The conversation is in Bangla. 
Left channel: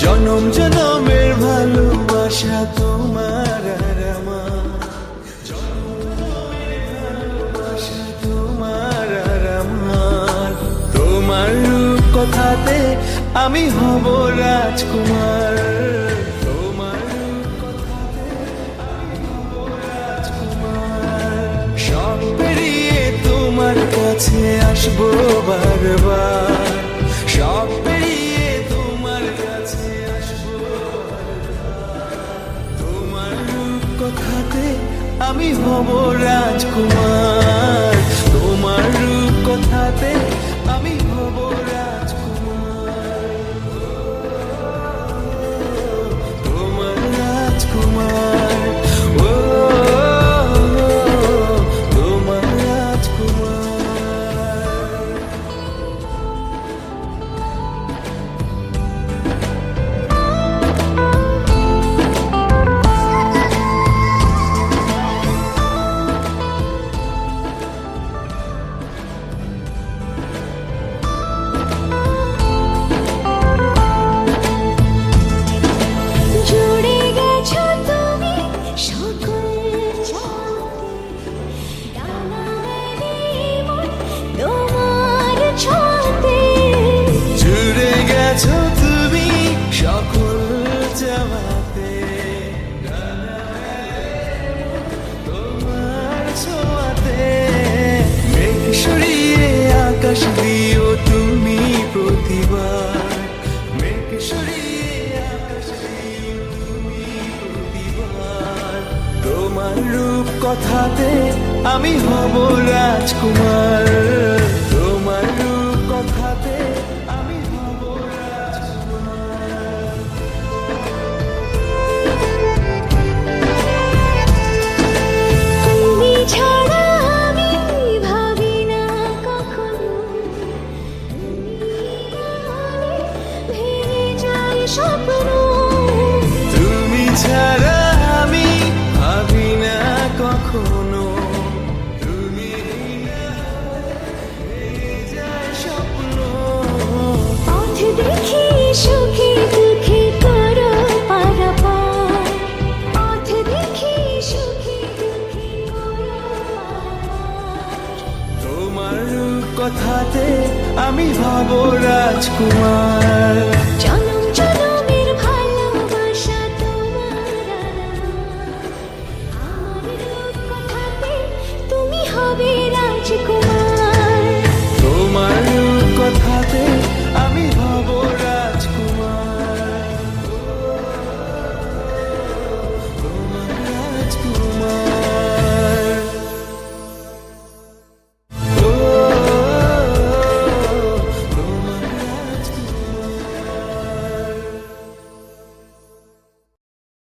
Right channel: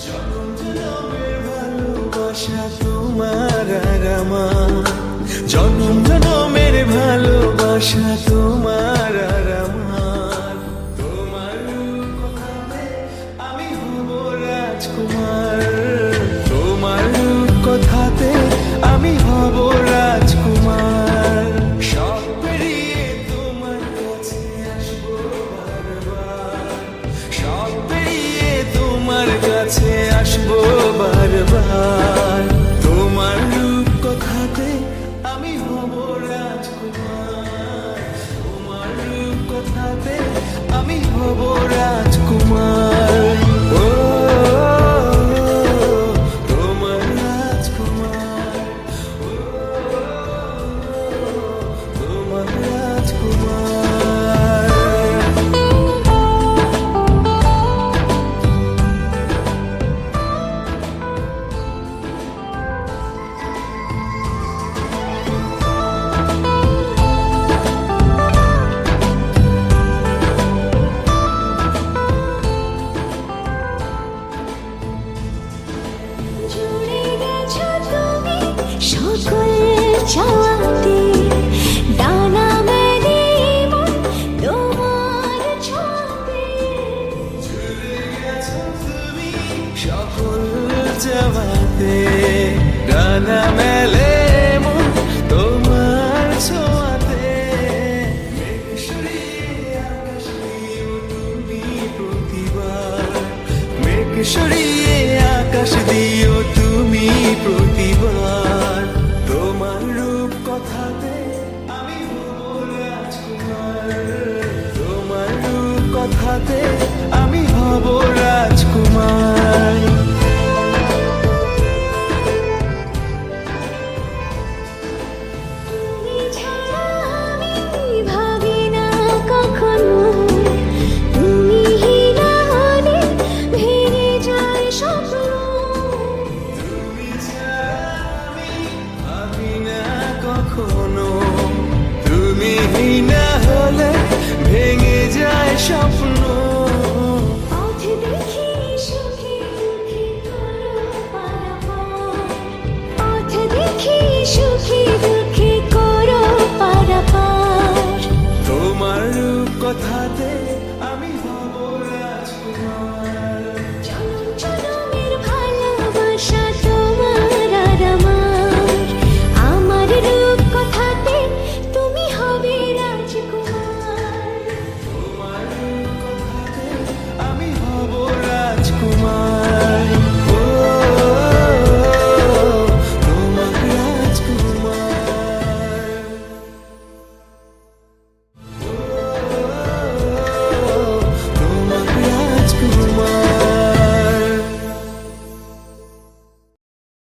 জনম জনমের ভালোবাসা তোমার আর আমার, জনম জনমের ভালোবাসা তোমার আর আমার। তোমার রূপ কথাতে আমি হব রাজকুমার, তোমার রূপ কথাতে আমি হব রাজকুমার। সব পেরিয়ে তোমার কাছে আসবো বারবার, সব পেরিয়ে তোমার কাছে আসবো বারবার। তোমার রূপ কথাতে আমি হব রাজকুমার, তোমার রূপ কথাতে আমি হব রাজকুমার। ও তোমার রাজকুমার, ও তোমার রাজকুমার। জুড়ে গেছো তুমি সকল চাঁদে, ডানা মেলে মন তোমার ছোঁয়াতে। জুড়ে গেছো তুমি সকল চাওয়াতে, ডানা মেলে মন তোমার ছোঁয়াতে। মেঘ সরিয়ে আকাশ দিও তুমি প্রতিবার, মেঘ সরিয়ে আকাশ দিও তুমি প্রতিবার। তোমার রূপ কথাতে আমি হব রাজকুমার।